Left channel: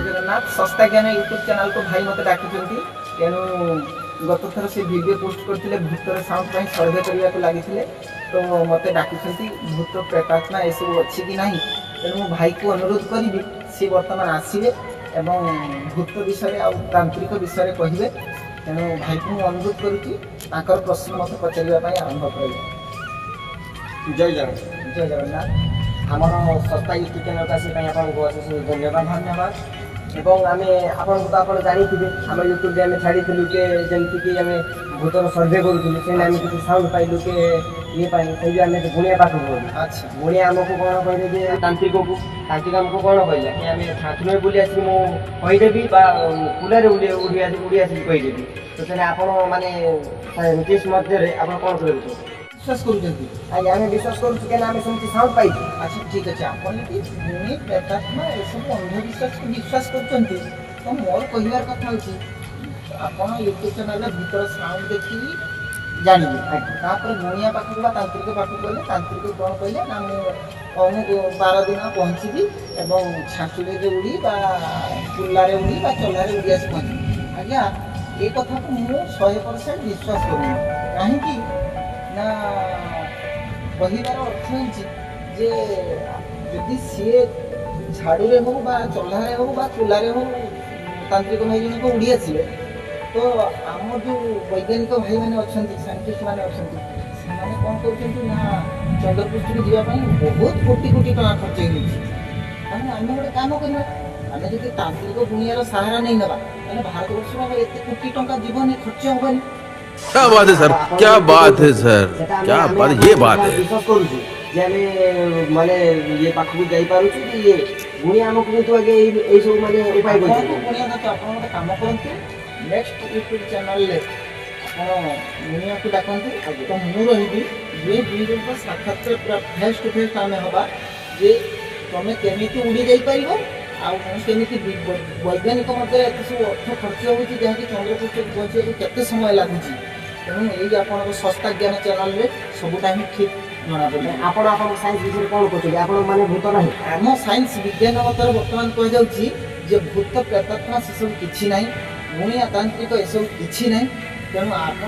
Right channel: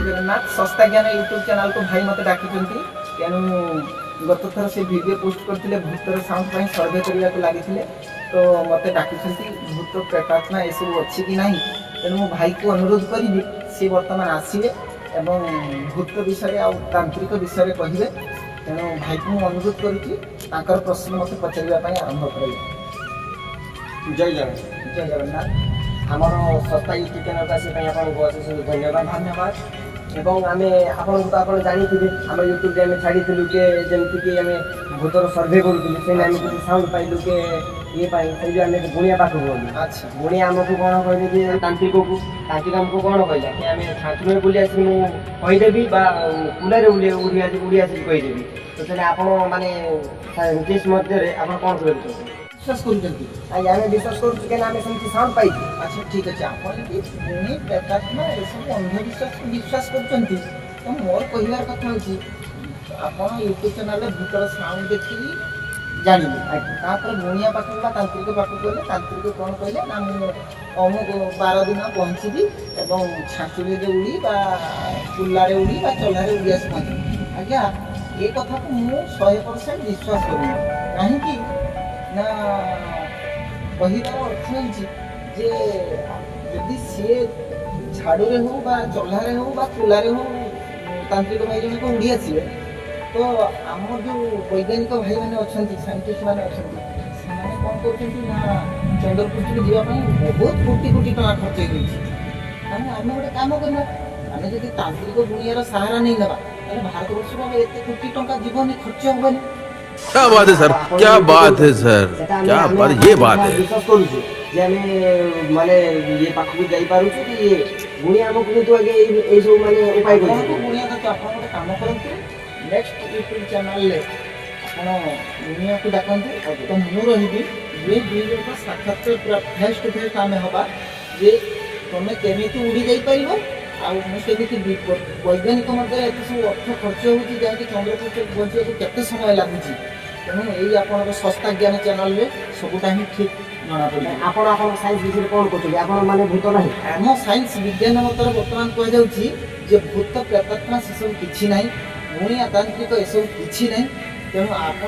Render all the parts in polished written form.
जगन्नाथ सस्ता ज्ञान YouTube channel को भाई मत डाकी तेणु गत थर से वीडियो पोस्ट करते भूतर साउंड पर सर्वे करने को लगी तो मत डाकी भूत प्रेतात्मा एसबू अच्छी कि ना तेणु मो भाई को अनुरोध करी सी बर्तमान आसवे एवं भूत विषय आ तांत्रिक विषय कहे तेणु भाई को मुझे अनुरोध कर प्रश्न मत पचारे आरंभ कर। जय जगन्नाथ। जय जगन्नाथ। आमर सस्ता यूट्यूब चैनल को आसपाई आपको अशेष धन्यवाद। धन्यवाद। एवं आम आपको तो आप जानते आम यूट्यूब में छाड़ी के जमीक आम भूतर सर्भे करूँ से आम किसी साउंड पाइलु के ये से आम गुणिया पाख गलु। अच्छा गुणिया आमको कौन कहले कि तांत्रिक को आमको कौन कहले कि आम ठाकुर बुली आस मुदेवी कुलारे उड़ी आस कहीदेवी तो तेना आप माने मध्य आप कौन कर विश्वास करूँ आज्ञा आम विश्वास करें आम सेमती साउंड पाई। अच्छा ठीक अच्छे आपड़ी प्रेतात्मा ये सब अंधविश्वास को विश्वास कर तो मोर कहबार कथा हूँ आप यूट्यूब चैनल भूतर साउंड देखी जानिए तापर गुणिया पाखक तांत्रिक पाखक गले तांत्रिक कौन कहले ना मुझे 12 दिन पहुँची एवं छाँचुड़ी उड़ी कुलारे उड़ी चल्लारे उड़ी आसी पहुँची आज्ञा ये कथा को मुझे 100% विश्वास करूँ कहीं ना कहबार अर्थ हो जदि सी झाड़ू हो चल्लारे हो कुलारे हो तांत्रिक भाई जन को उड़ी आसवे तो आम जो वैज्ञानिक भाई मैंने अच्छा साइंटिस्ट मैंने अच्छा से कौन कर चंद्रपृष्ठ को जावाई बहुत कोटी कोटी टका खर्च हो आम गोटे कम करना आम जब तांत्रिक गुणियार सहारा नहीं नवा भारत वर्ष एत कोटी टका जीवन खर्च हेनी। क्या बात है सर, क्या बात है सर, क्या बात, ये बात है। विश्वास करूँ जे आम माने ये पाख को जाई पारुछु कि ये गुणिया आमको किंतु आगे ए सब माने उपाय गुणिया करछु आप गोटे काम करते नेक्स्ट यूट्यूब चैनल आप गुणिया को डाकतु तो मु रही ये दुई जन साक्षात पूरा फेस टू फेस आम हवा जे तुम केमी उड़ी जापर आमि वैज्ञानिक मध्य एत सब अर्थ खर्च होगी जहाँकि चंद्रपृष्ठ पहुँचा केते समय लगुच तेणु यही आप सस्ता ज्ञान चैनल सबूटा ही ठीक जना पड़े। आप साइंस विषय कौन कहते आप माने भूत ना आम साइंस विज्ञान मत बर्तमान कहुचे भूत प्रेतात्मा से सब किसी ना गुणिया तांत्रिक एसबू किसी ना तेणु आप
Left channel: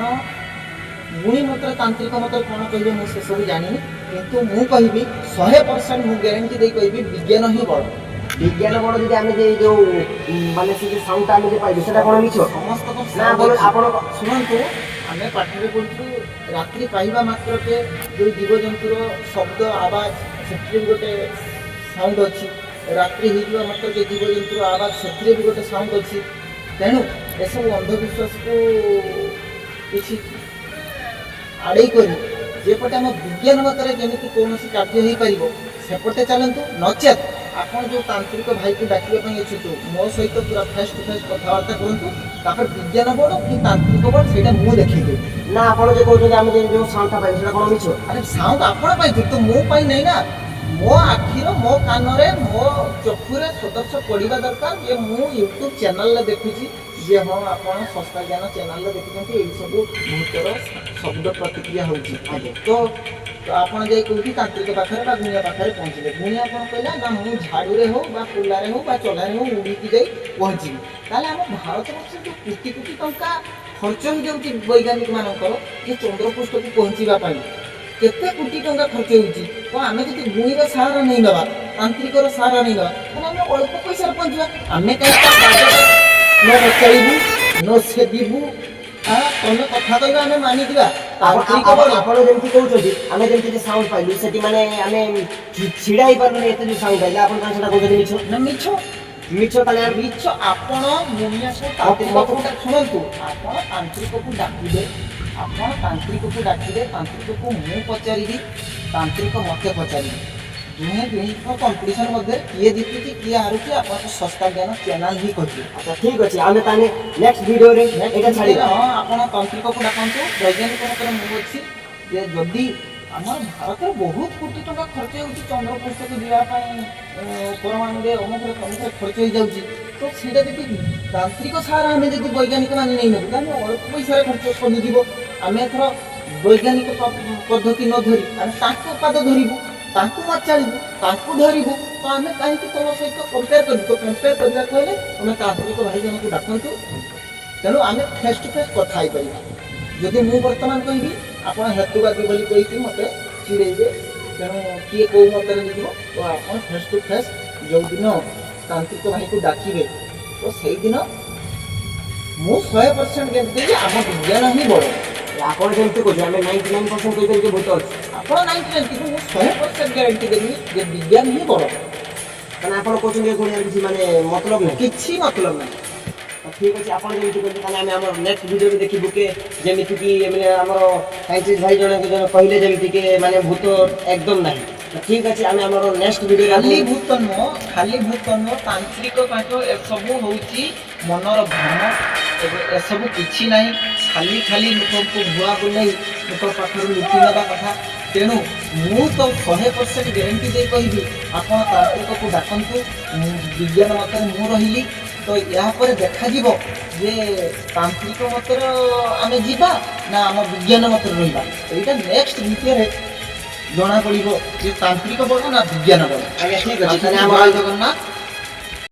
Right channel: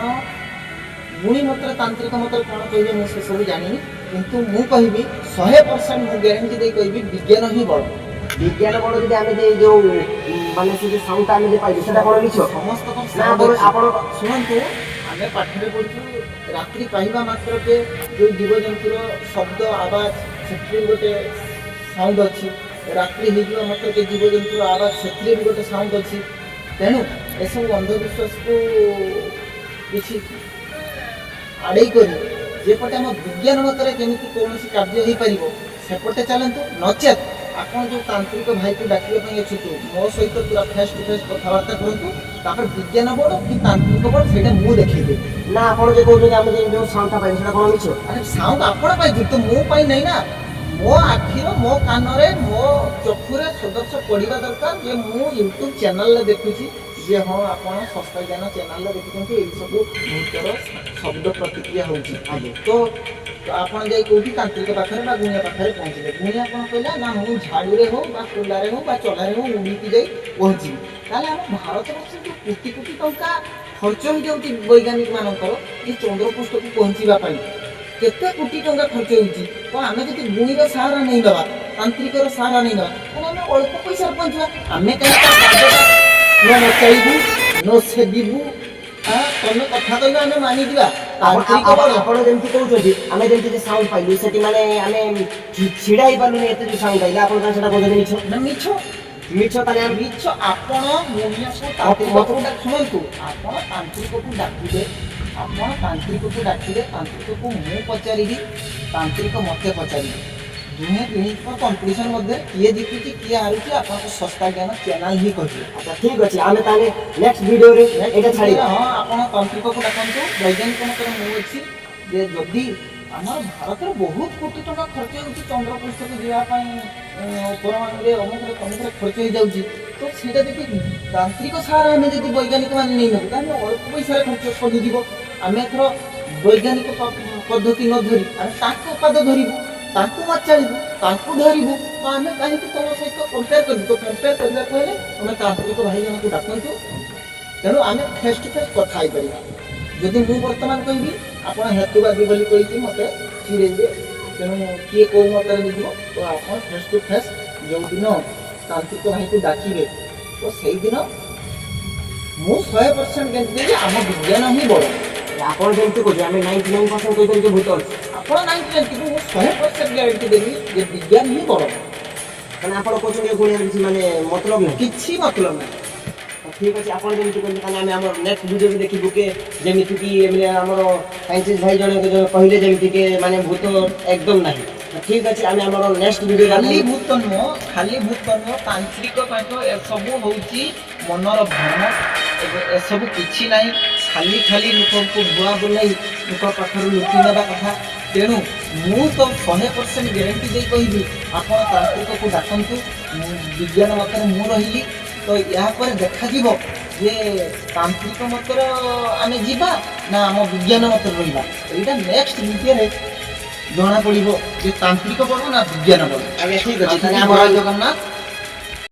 गुणी मत तांत्रिक मत कौन कहे मुझे सब जानी किंतु मु कहि 100% मु ग्यारंटी दे कहि विज्ञान ही बड़ विज्ञान बड़ जब आम जो माने से साउंड आम जो पाइबे सेटा कोन मिछ समस्त ना आपण शुणु आम पाठे पढ़ु रात्रि पाइबा मात्र के जो जीवजंतुर शब्द आवाज से गोटे साउंड अच्छी रात्रि हो मात्र के जीवजंतुर आवाज से भी गोटे साउंड अच्छी तेणु एसबू अंधविश्वास को किसी आड़े कर जेपटे आम विज्ञान मतरे जमी कौन कार्य हो पार सेपटे चलतु नचेत आपन जो तांत्रिक भाई को डाकिया अच्छु मो सहित पूरा फेस टू फेस कथबार्ता करूँ विज्ञान बोर्ड कि तांत्रिक बोर्ड से मुझे देखी ना आप जो कहते आम जो साउंड पाइबे सेटा कोन मिछ अरे साउंड आपण तो मो नहीं ना मो आखिर मो कान मो चक्षुरे सदस्य पड़ा दरकार जे मु यूट्यूब चैनल देखुची जे हाँ आप सस्ता ज्ञान चैनल देखुं ये सब भूतर शब्द प्रतिक्रिया होगी आगे तो आपड़ जा कौटी तांत्रिक पाखे गुणिया पाखे पहुँचे गुणिया कौन कहला ना मु झाड़ू हो कुलारे हो चल्लारे हो उड़ीकी जा पहुँची ताल आम भारत वर्ष जो कोटी कोटी टंका खर्च हो जाऊँगी वैज्ञानिक मानकर ये चंद्रपृष्ठ को पहुँचापी केते कोटी टंका खर्च होगी कौन आम जो गुणीर सहारा नहीं नवा तांत्रिकर सहारा नहीं नवा तेना आम अल्प पैसा पहुँचा आम कहीं न नचाइबू न सेबू तुम कथा कह आम मानिजा तांत्रिक आपड़ जमी कहते आम जमी साउंड पाइलु से माने आम छिड़ा ही पार्लुनि एत जो साउंड पाइले आप कहते मिछ ना मिछ मिछ ताने मिछ आपण गुणिया को तांत्रिक को शुणु आपण तांत्रिक को डाकिदे आपण तांत्रिक को डाकिदे तांत्रिक को मु पचारि तांत्रिक मत पचारि दुहे दुही कंपटीशन मध्य किए जीतुची किए हारुची आपन सस्ता ज्ञान चैनल ही कहिए। अच्छा ठीक अच्छे आम ताने नेक्स्ट वीडियो रे एटा छाड़ी हाँ आप तांत्रिक को डाकतु वैज्ञानिक मत मु अच्छी जे जदि आमर भारत में बहुत कोटी टका खर्च हो चंद्रपृष्ठ को जावाई परमाणु अमुक तमुक खर्च हो जाऊँगी तो सीटा जी तांत्रिक सहारा आम जब वैज्ञानिक मैंने नहीं नबू तो अल्प पैसा खर्च कमिज आम एथर वैज्ञानिक पद्धति न धरी आम पाद धरबू ତାଙ୍କୁ ମାଚାଳିବୁ ତାଙ୍କୁ ଧରିବୁ ତ ଆମେ କାହିଁକି ତମ ସହିତ କମ୍ପେୟାର କରିବୁ ତ କମ୍ପେୟାର କରିବାକୁ ହେଲେ ତମେ ତାନ୍ତ୍ରିକ ଭାଇ ଜଣଙ୍କୁ ଡାକନ୍ତୁ ତେଣୁ ଆମେ ଫେସ୍ ଟୁ ଫେସ୍ କଥା ହେଇପାରିବା ଯଦି ମୁଁ ବର୍ତ୍ତମାନ କହିବି ଆପଣ ହେତୁବାଦୀ ବୋଲି କହିକି ମୋତେ ଚିଡ଼େଇବେ ତେଣୁ କିଏ କେଉଁ ମତରେ ନେଇଯିବ ତ ଆପଣ ଫେସ୍ ଟୁ ଫେସ୍ ଯେଉଁଦିନ ତାନ୍ତ୍ରିକ ଭାଇକୁ ଡାକିବେ ତ ସେଇଦିନ ମୁଁ 100% ଗ୍ୟାରେଣ୍ଟି ଦେବି ଆମ ବିଜ୍ଞାନ ହିଁ ବଡ଼ ଆପଣ ଯେମିତି କହୁଛନ୍ତି ଆମେ 99% କହିପାରିବେ ଭୂତ ଅଛି ଆପଣ 99 କିନ୍ତୁ ମୁଁ 100% ଗ୍ୟାରେଣ୍ଟି ଦେବି ଯେ ବିଜ୍ଞାନ ହିଁ ବଡ଼ କାରଣ ଆପଣ କହୁଛନ୍ତି ଏ ଗୁଣିଆର କିଛି ମାନେ ମତଲବ ନାହିଁ କିଛି ମତଲବ ନାହିଁ ଠିକ୍ ଅଛି ଆପଣ ଯେମିତି କହିଲେ ତାହେଲେ ଆମେ ଆମର ନେକ୍ସଟ ଭିଡ଼ିଓରେ ଦେଖିବୁ କି ଯେମିତିକି ଏମାନେ ଆମର ସାଇଣ୍ଟିଷ୍ଟ ଭାଇ ଜଣେ କହିଲେ ଯେମିତିକି ମାନେ ଭୂତ ଏକଦମ ନାହିଁ ଠିକ୍ ଅଛି ଆମେ ଆମର ନେକ୍ସଟ ଭିଡ଼ିଓରେ ଖାଲି ଭୂତ ନୁହଁ ତାନ୍ତ୍ରିକ ପାଠ ଏସବୁ ହେଉଛି ମନର ଭ୍ରମ ଏସବୁ କିଛି ନାହିଁ ଖାଲି ଲୋକଙ୍କୁ ଭୁଆ ବୁଲାଇ ଲୋକ ପାଖରୁ ଲୁଟି ନେବା କଥା ତେଣୁ ମୁଁ ତ 100% ଗ୍ୟାରେଣ୍ଟି ଦେଇ କହିବି ଆପଣ ତାନ୍ତ୍ରିକକୁ ଡାକନ୍ତୁ ବିଜ୍ଞାନ ମତରେ ମୁଁ ରହିଲି ତ ଏହାପରେ ଦେଖାଯିବ ଯେ ତାନ୍ତ୍ରିକ ମତରେ ଆମେ ଯିବା ନା ଆମ ବିଜ୍ଞାନ ମତରେ ରହିବା ଏଇଟା ନେକ୍ସଟ ଭିଡ଼ିଓରେ ଜଣାପଡ଼ିବ ଯେ ତାନ୍ତ୍ରିକ ବଡ଼ ନା ବିଜ୍ଞାନ ବଡ଼ ଆଜ୍ଞା ଠିକ୍ ଅଛି ତାହେଲେ ଆମର ଆମର ଜଗନ୍ନାଥ